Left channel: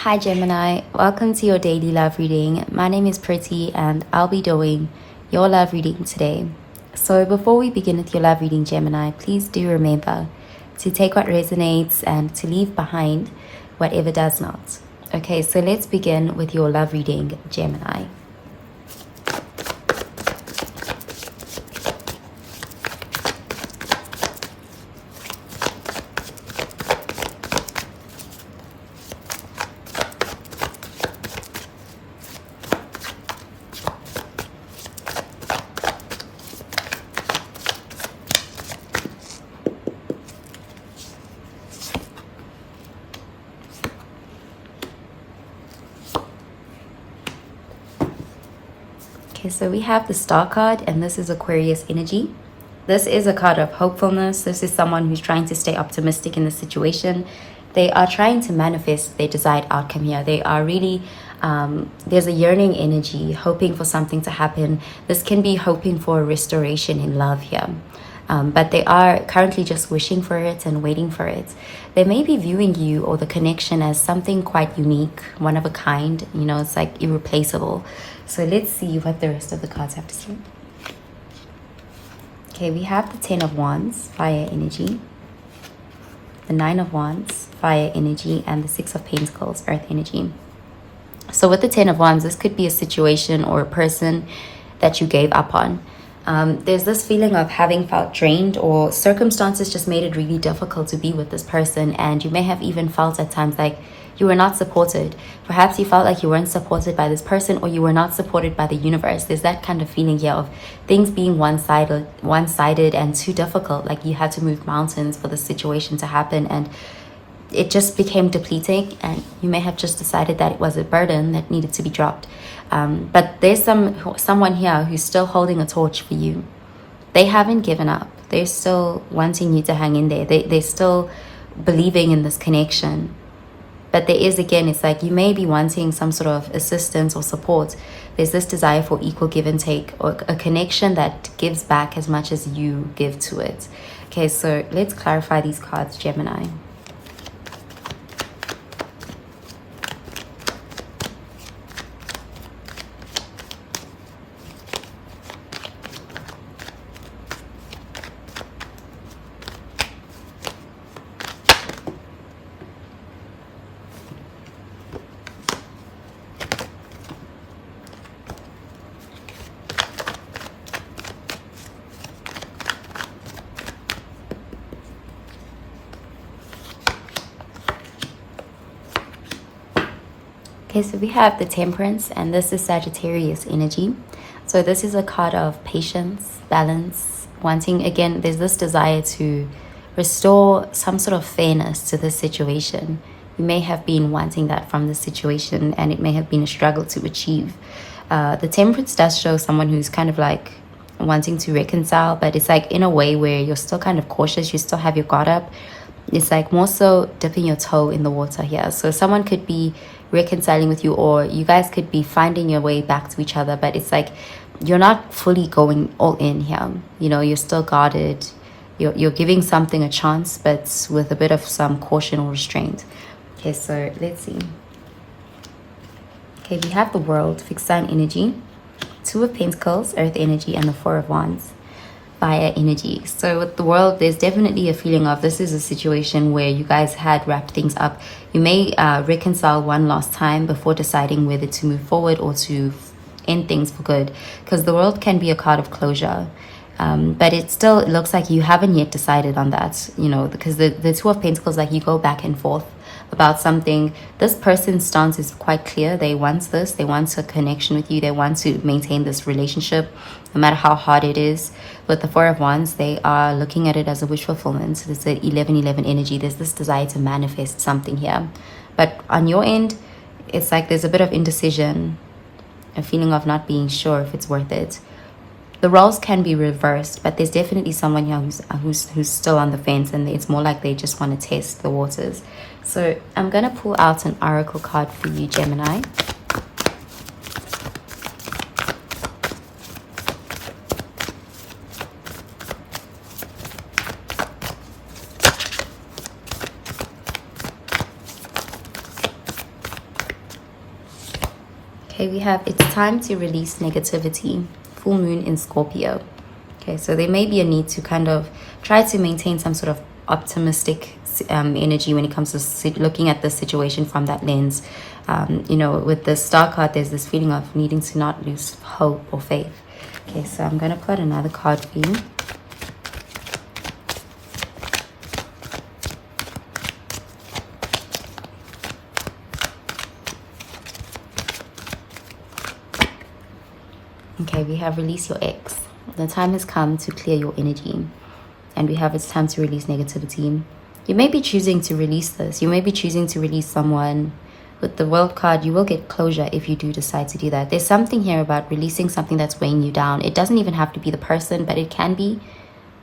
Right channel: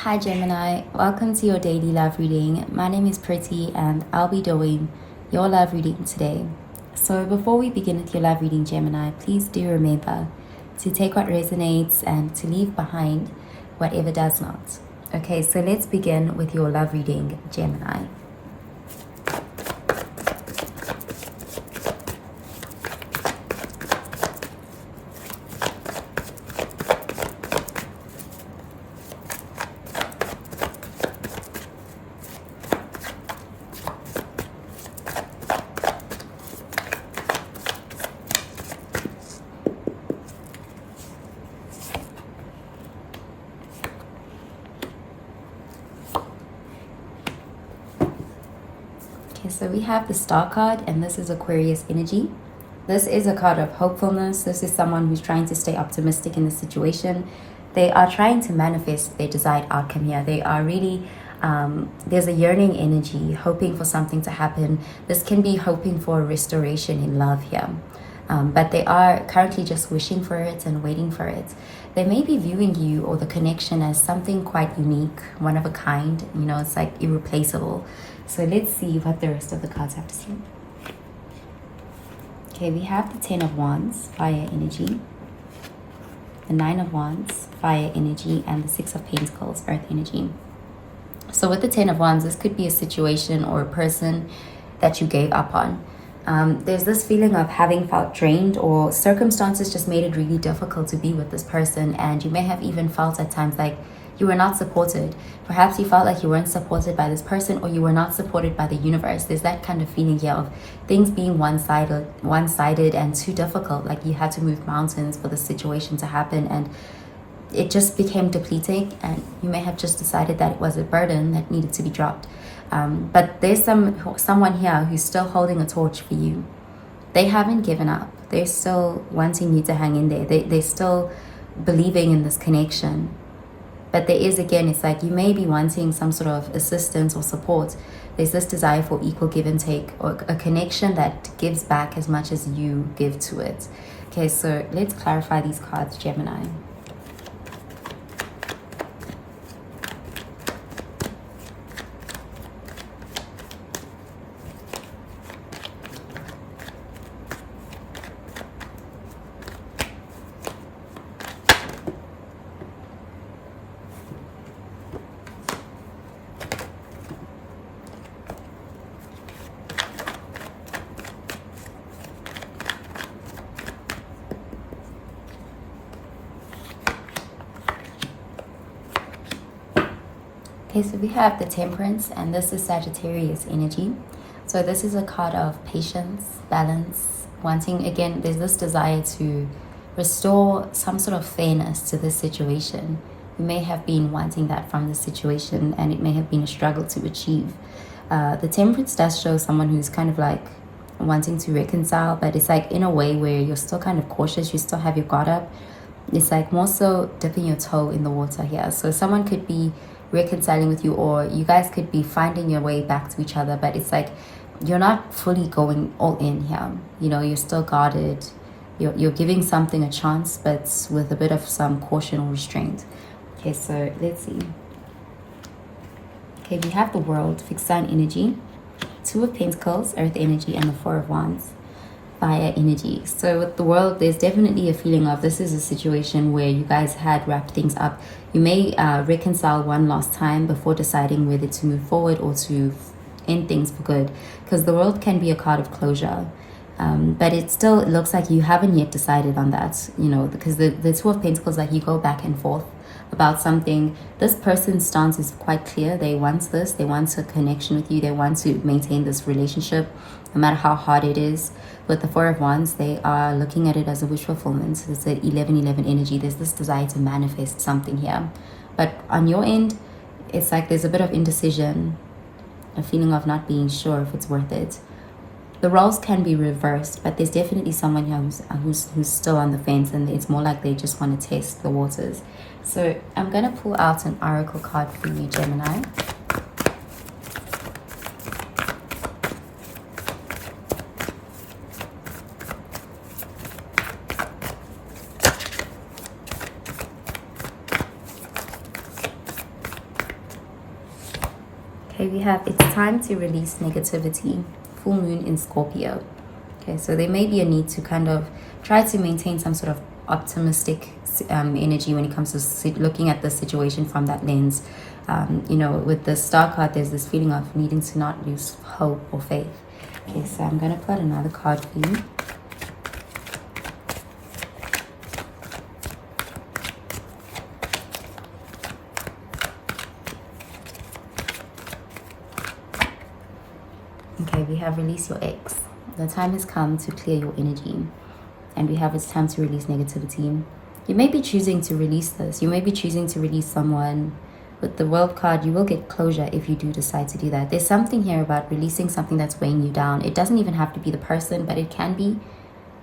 Hi Gemini, welcome to your daily love reading. My name is Pretty and I'll be doing your love reading today. So before we begin with your love reading, Gemini, please do remember to take what resonates and to leave behind whatever does not. Okay, so let's begin with your love reading, Gemini. Okay, so we have the Star card, and this is Aquarius energy. This is a card of hopefulness. This is someone who's trying to stay optimistic in the situation. They are trying to manifest their desired outcome here. They are really, there's a yearning energy, hoping for something to happen. This can be hoping for a restoration in love here. But they are currently just wishing for it and waiting for it. They may be viewing you or the connection as something quite unique, one of a kind. You know, it's like irreplaceable. So let's see what the rest of the cards have to say. Okay, we have the 10 of Wands, fire energy. The 9 of Wands, fire energy. And the 6 of Pentacles, earth energy. So with the 10 of Wands, this could be a situation or a person that you gave up on. There's this feeling of having felt drained, or circumstances just made it really difficult to be with this person, and you may have even felt at times like you were not supported. Perhaps you felt like you weren't supported by this person, or you were not supported by the universe. There's that kind of feeling here of things being one-sided and too difficult, like you had to move mountains for the situation to happen, and it just became depleting, and you may have just decided that it was a burden that needed to be dropped. But there's someone here who's still holding a torch for you. They haven't given up. They're still wanting you to hang in there. They're still believing in this connection. But there is, again, it's like you may be wanting some sort of assistance or support. There's this desire for equal give and take, or a connection that gives back as much as you give to it. Okay, so let's clarify these cards, Gemini. Okay, so we have the Temperance, and this is Sagittarius energy. So this is a card of patience, balance, wanting, again, there's this desire to restore some sort of fairness to this situation. You may have been wanting that from the situation, and it may have been a struggle to achieve. The Temperance does show someone who's kind of like wanting to reconcile, but it's like in a way where you're still kind of cautious, you still have your guard up. It's like more so dipping your toe in the water here. So someone could be reconciling with you, or you guys could be finding your way back to each other, but it's like you're not fully going all in here. You know, you're still guarded. You're giving something a chance, but with a bit of some caution or restraint. Okay, so let's see. Okay, we have the World, fixed sign energy, 2 of Pentacles, earth energy, and the 4 of Wands, fire energy. So with the World, there's definitely a feeling of this is a situation where you guys had wrapped things up. You may reconcile one last time before deciding whether to move forward or to end things for good, because the World can be a card of closure. But it still looks like you haven't yet decided on that, you know, because the 2 of Pentacles, like you go back and forth about something. This person's stance is quite clear. They want this. They want a connection with you. They want to maintain this relationship, no matter how hard it is. With the 4 of Wands, they are looking at it as a wish fulfillment. So it's an 11-11 energy. There's this desire to manifest something here. But on your end, it's like there's a bit of indecision, a feeling of not being sure if it's worth it. The roles can be reversed, but there's definitely someone here who's still on the fence, and it's more like they just want to test the waters. So I'm going to pull out an oracle card for you, Gemini. Okay, we have it's time to release negativity. Full moon in Scorpio. Okay, so there may be a need to kind of try to maintain some sort of optimistic energy when it comes to looking at the situation from that lens. You know, with the star card, there's this feeling of needing to not lose hope or faith. Okay, so I'm going to put another card for you. Okay, we have release your ex. The time has come to clear your energy. And we have it's time to release negativity. You may be choosing to release this. You may be choosing to release someone. With the World card, you will get closure if you do decide to do that. There's something here about releasing something that's weighing you down. It doesn't even have to be the person, but it can be.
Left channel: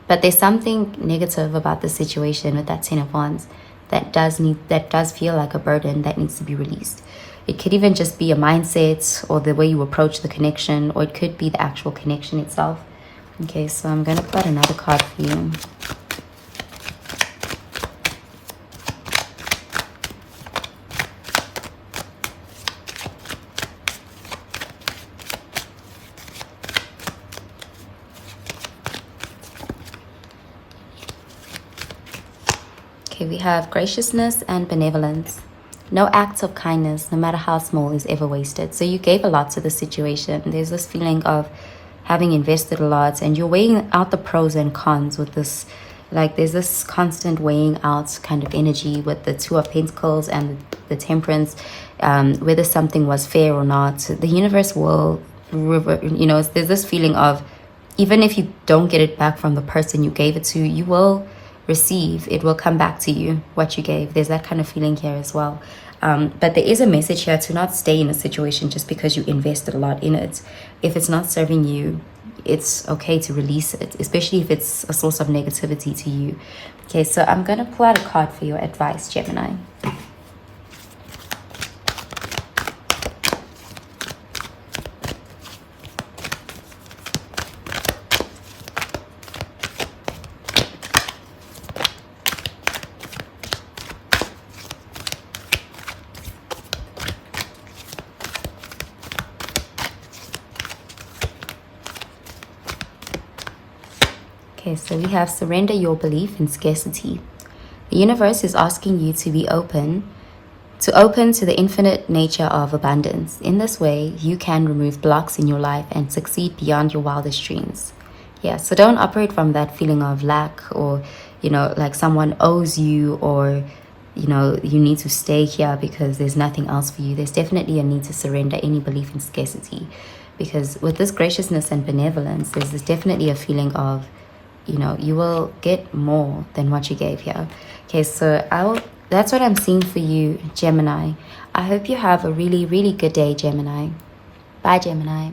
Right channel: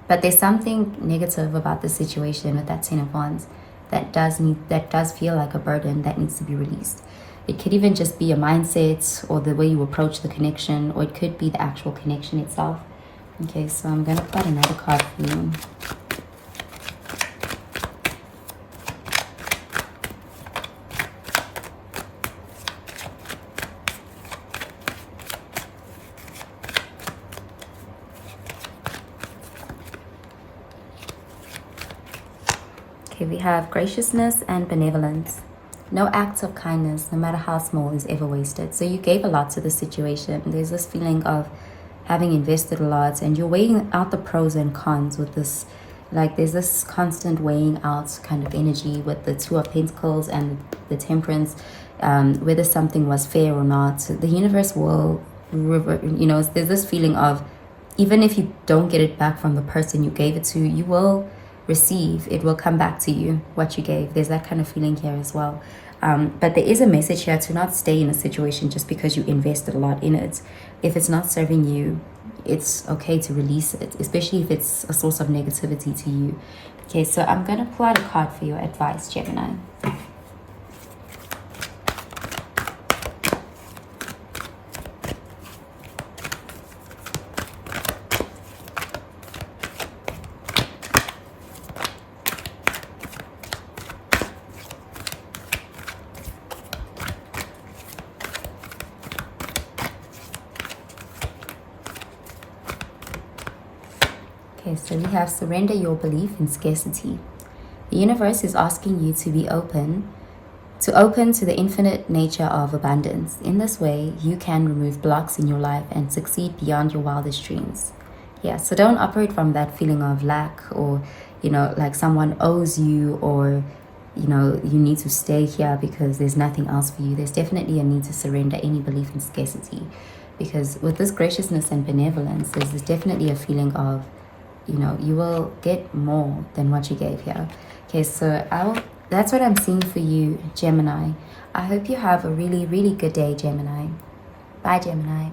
But there's something negative about the situation with that Ten of Wands that does feel like a burden that needs to be released. It could even just be a mindset or the way you approach the connection, or it could be the actual connection itself. Okay, so I'm going to put another card for you. Okay, we have graciousness and benevolence. No act of kindness, no matter how small, is ever wasted. So you gave a lot to the situation. There's this feeling of having invested a lot, and you're weighing out the pros and cons with this. Like, there's this constant weighing out kind of energy with the Two of Pentacles and the Temperance, whether something was fair or not. The universe will, you know, there's this feeling of, even if you don't get it back from the person you gave it to, you will receive. It will come back to you, what you gave. There's that kind of feeling here as well. But there is a message here to not stay in a situation just because you invested a lot in it. If it's not serving you, it's okay to release it, especially if it's a source of negativity to you. Okay, so I'm going to pull out a card for your advice, Gemini. Okay, so we have surrender your belief in scarcity. The universe is asking you to be open to the infinite nature of abundance. In this way, you can remove blocks in your life and succeed beyond your wildest dreams. Yeah, so don't operate from that feeling of lack, or, you know, like someone owes you, or, you know, you need to stay here because there's nothing else for you. There's definitely a need to surrender any belief in scarcity, because with this graciousness and benevolence, there's definitely a feeling of, you know, you will get more than what you gave here. Okay, so that's what I'm seeing for you, Gemini. I hope you have a really, really good day, Gemini. Bye, Gemini.